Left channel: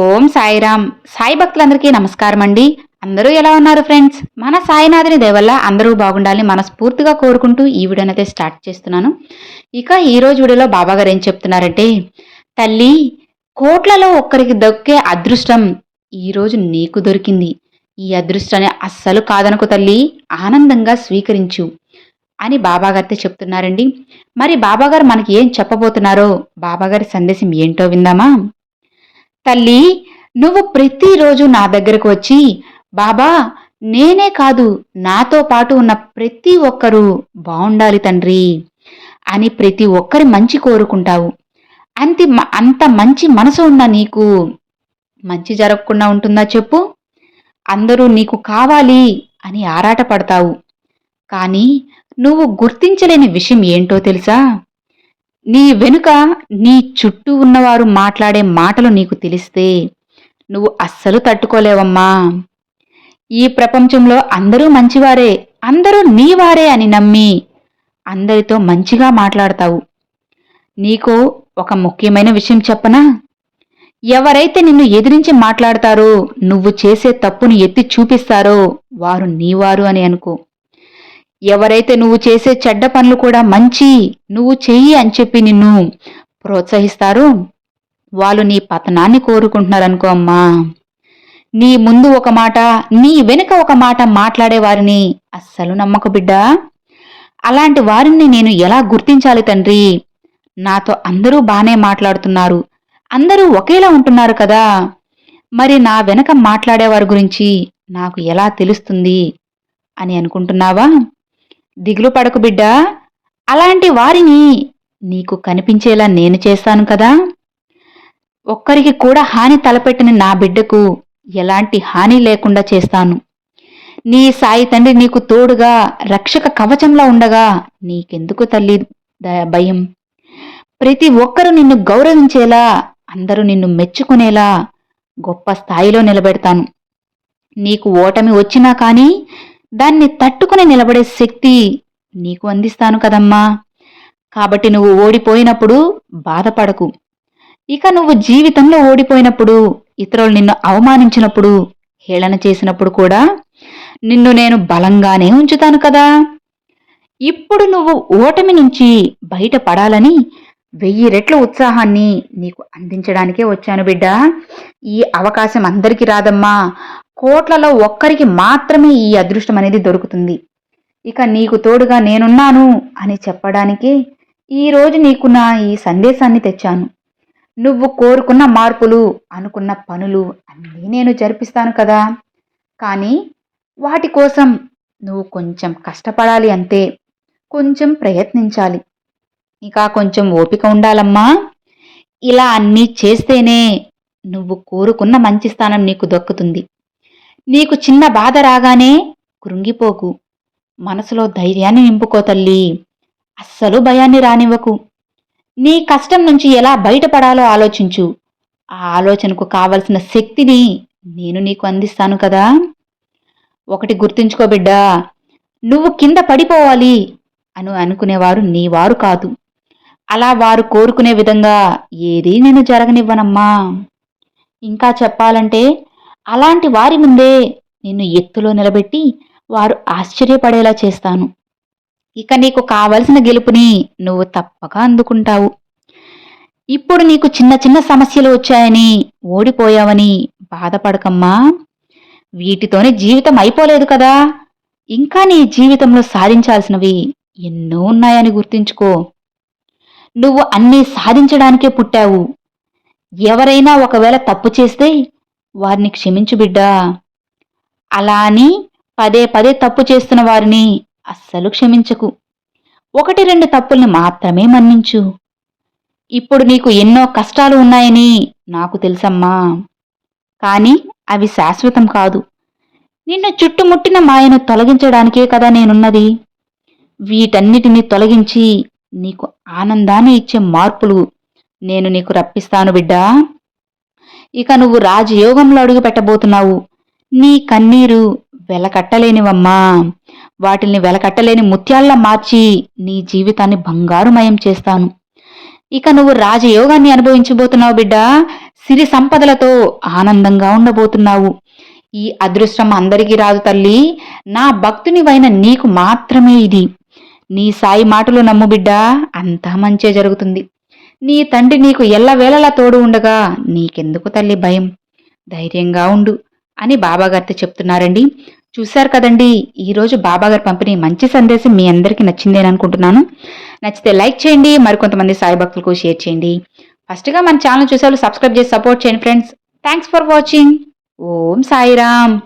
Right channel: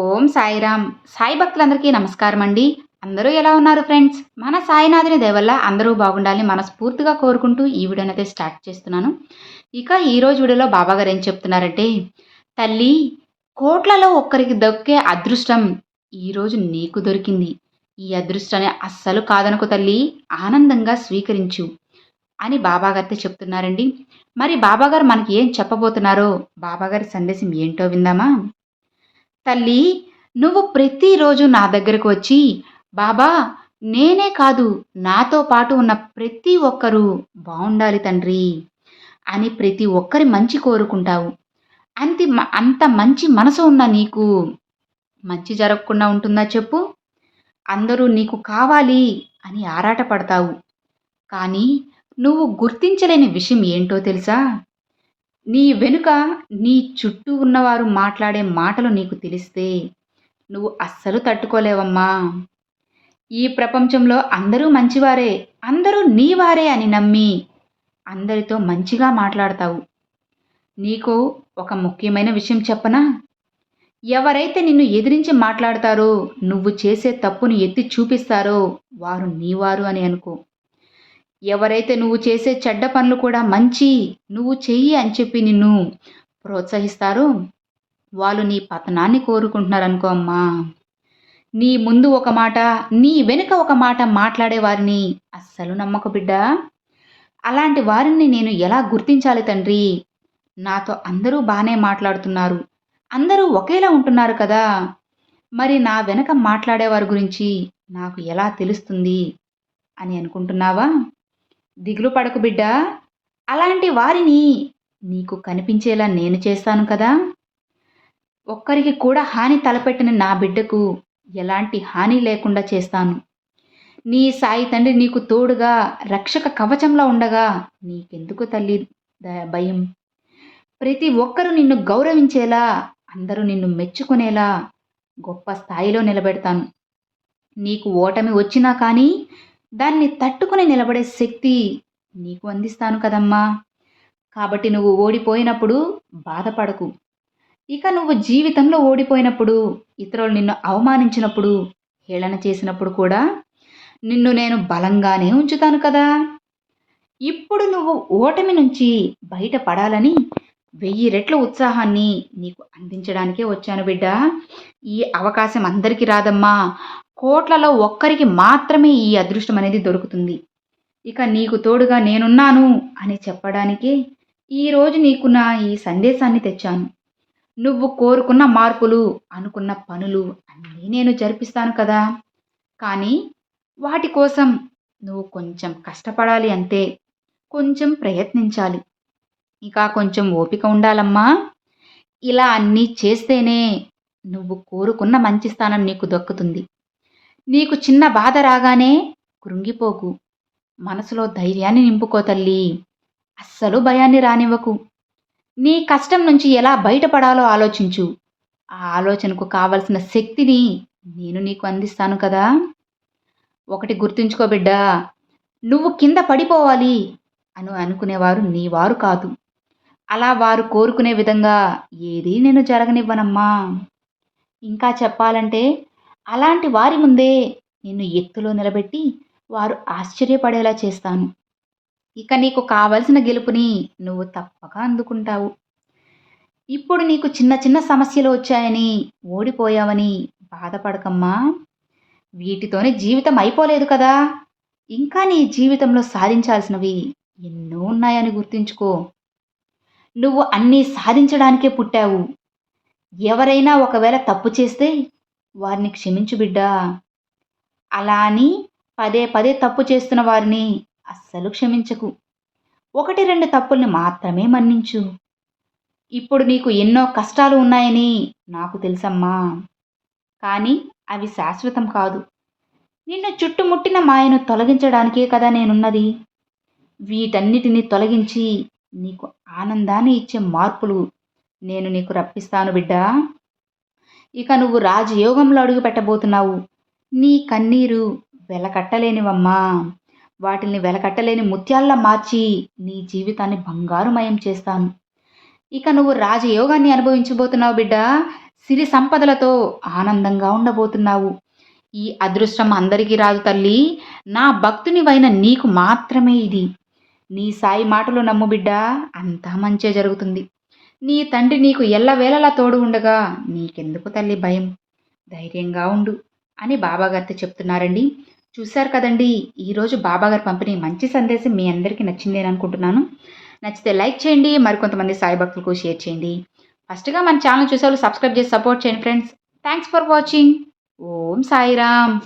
ఓం సాయిరామ్. సాయి భక్తులందరికీ నమస్కారం అండి అందరూ ఎలా ఉన్నారు ఫ్రెండ్స్? మన సాయినాథుని దేవల్ల అందరూ బాగుండాలని మనస్ఫూర్తిగా కోరుకుంటూ ఈ వీడియోని అయితే స్టార్ట్ చేస్తున్నాను. ఇక ఈరోజు వీడియోలో బాబా గారు ఏం చెప్తున్నారంటే తల్లి కోట్లలో ఒక్కరికి దొక్కే అదృష్టం ఈరోజు నీకు దొరికింది. ఈ అదృష్టాన్ని అస్సలు కాదనుకో తల్లి ఆనందంగా స్వీకరించు అని బాబాగారితో చెప్తున్నారండి. మరి బాబాగారు మనకి ఏం చెప్పబోతున్నారో బాబాగారి సందేశం ఏంటో విందామా? తల్లి నువ్వు ప్రతిరోజు నా దగ్గరకు వచ్చి బాబా నేనే కాదు నాతో పాటు ఉన్న ప్రతి ఒక్కరూ బాగుండాలి తండ్రి అని ప్రతి ఒక్కరి మంచి కోరుకుంటావు. అంతి అంత మంచి మనసు ఉన్న నీకు మంచి జరగకుండా ఉంటుందా చెప్పు? అందరూ నీకు కావాలి అని ఆరాటపడతావు. కానీ నువ్వు గుర్తించలేని విషయం ఏంటో తెలుసా? నీ వెనుక నీ చుట్టూ ఉన్నవారు మాట్లాడే మాటలు నీకు తెలిస్తే నువ్వు అస్సలు తట్టుకోలేవమ్మా. ఈ ప్రపంచంలో అందరూ మంచివారే అందరూ నీవారే అని నమ్మి అందరితో మంచిగా మాట్లాడతావు. నీకు ఒక ముఖ్యమైన విషయం చెప్పనా? ఎవరైతే నిన్ను ఎదిరించి మాట్లాడతారో నువ్వు చేసే తప్పును ఎత్తి చూపిస్తారో వారు నీవారు అని అనుకో. ఎవరైతే నువ్వు చేసే చెడ్డ పనులు కూడా మంచి నువ్వు చెయ్యి అని చెప్పి నిన్ను ప్రోత్సహిస్తారో. వాళ్ళు నీ పతనాన్ని కోరుకుంటున్నారనుకో అమ్మా. నీ ముందు ఒక మాట నీ వెనుక ఒక మాట మాట్లాడే వారిని అస్సలు నమ్మకు బిడ్డా. అలాంటి వారిని నేను ఎలా గుర్తించాలి తండ్రి? నాతో అందరూ బాగానే మాట్లాడుతున్నారు. అందరూ ఒకేలా ఉంటున్నారు కదా. మరి నా వెనక మాట్లాడేవారి గురించి నాకు ఎలా తెలుస్తుంది? అని అనుకుంటున్నావా? దిగులు పడకు బిడ్డా. అలాంటి వారిని నీకు కనిపించేలా నేను చేస్తాను కదా. ఒక్కరికి కూడా హాని తలపెట్టిన నా బిడ్డకు ఎలాంటి హాని లేకుండా చేస్తాను. నీ సాయి తండ్రి నీకు తోడుగా రక్షక కవచంలా ఉండగా నీకెందుకు తల్లి భయం? ప్రతి ఒక్కరూ నిన్ను గౌరవించేలా అందరూ నిన్ను మెచ్చుకునేలా గొప్ప స్థాయిలో నిలబెడతాను. నీకు ఓటమి వచ్చినా కానీ దాన్ని తట్టుకుని నిలబడే శక్తి నీకు అందిస్తాను కదమ్మా. కాబట్టి నువ్వు ఓడిపోయినప్పుడు బాధపడకు. ఇక నువ్వు జీవితంలో ఓడిపోయినప్పుడు ఇతరులు నిన్ను అవమానించినప్పుడు హేళన చేసినప్పుడు కూడా నిన్ను నేను బలంగానే ఉంచుతాను కదా. ఇప్పుడు నువ్వు ఓటమి నుంచి బయటపడాలని వెయ్యి రెట్ల ఉత్సాహాన్ని నీకు అందించడానికే వచ్చాను బిడ్డ. ఈ అవకాశం అందరికీ రాదమ్మా. కోట్లలో ఒక్కరికి మాత్రమే ఈ అదృష్టం అనేది దొరుకుతుంది. ఇక నీకు తోడుగా నేనున్నాను అని చెప్పడానికే ఈరోజు నీకు నా ఈ సందేశాన్ని తెచ్చాను. నువ్వు కోరుకున్న మార్పులు అనుకున్న పనులు అన్నీ నేను జరిపిస్తాను కదా. కానీ వాటి కోసం నువ్వు కొంచెం కష్టపడాలి అంతే కొంచెం ప్రయత్నించాలి. ఇక కొంచెం ఓపిక ఉండాలమ్మా. ఇలా అన్నీ చేస్తేనే నువ్వు కోరుకున్న మంచి స్థానం నీకు దక్కుతుంది. నీకు చిన్న బాధ రాగానే కృంగిపోకు. మనసులో ధైర్యాన్ని నింపుకో తల్లి. అస్సలు భయాన్ని రానివ్వకు. నీ కష్టం నుంచి ఎలా బయటపడాలో ఆలోచించు. ఆ ఆలోచనకు కావలసిన శక్తిని నేను నీకు అందిస్తాను కదా. ఒకటి గుర్తుంచుకో బిడ్డా నువ్వు కింద పడిపోవాలి అని అనుకునేవారు నీ వారు కాదు. అలా వారు కోరుకునే విధంగా ఏదీ నేను జరగనివ్వనమ్మా. ఇంకా చెప్పాలంటే అలాంటి వారి ముందే నిన్ను ఎత్తులో నిలబెట్టి వారు ఆశ్చర్యపడేలా చేస్తాను. ఇక నీకు కావలసిన గెలుపుని నువ్వు తప్పక అందుకుంటావు. ఇప్పుడు నీకు చిన్న చిన్న సమస్యలు వచ్చాయని ఓడిపోయావని బాధపడకమ్మా. వీటితోనే జీవితం అయిపోలేదు కదా. ఇంకా నీ జీవితంలో సాధించాల్సినవి ఎన్నో ఉన్నాయని గుర్తుంచుకో. నువ్వు అన్నీ సాధించడానికే పుట్టావు. ఎవరైనా ఒకవేళ తప్పు చేస్తే వారిని క్షమించు బిడ్డా. అలా అని పదే పదే తప్పు చేస్తున్న వారిని అస్సలు క్షమించకు. ఒకటి రెండు తప్పుల్ని మాత్రమే మన్నించు. ఇప్పుడు నీకు ఎన్నో కష్టాలు ఉన్నాయని నాకు తెలుసమ్మా. కానీ అవి శాశ్వతం కాదు. నిన్ను చుట్టుముట్టిన మాయను తొలగించడానికే కదా నేనున్నది. వీటన్నిటిని తొలగించి నీకు ఆనందాన్ని ఇచ్చే మార్పులు నేను నీకు రప్పిస్తాను బిడ్డా. ఇక నువ్వు రాజయోగంలో అడుగు పెట్టబోతున్నావు నీ కన్నీరు వెలకట్టలేనివమ్మా. వాటిల్ని వెలకట్టలేని ముత్యాల్లా మార్చి నీ జీవితాన్ని బంగారుమయం చేస్తాను. ఇక నువ్వు రాజయోగాన్ని అనుభవించబోతున్నావు బిడ్డ. సిరి సంపదలతో ఆనందంగా ఉండబోతున్నావు. ఈ అదృష్టం అందరికీ రాదు తల్లి. నా భక్తునివైన నీకు మాత్రమే ఇది. నీ సాయి మాటలు నమ్ము బిడ్డ. అంతా మంచే జరుగుతుంది. నీ తండ్రి నీకు ఎల్లవేళలా తోడు ఉండగా నీకెందుకు తల్లి భయం? ధైర్యంగా ఉండు అని బాబాగారితో చెప్తున్నారండి. చూశారు కదండి ఈరోజు బాబాగారు పంపిణీ మంచి సందేశం మీ అందరికీ నచ్చిందని అనుకుంటున్నాను. నచ్చితే లైక్ చేయండి మరికొంతమంది సాయి భక్తులకు షేర్ చేయండి. ఫస్ట్గా మన ఛానల్ చూసే సబ్స్క్రైబ్ చేసి సపోర్ట్ చేయండి friends. Thanks for watching. Om Sairam.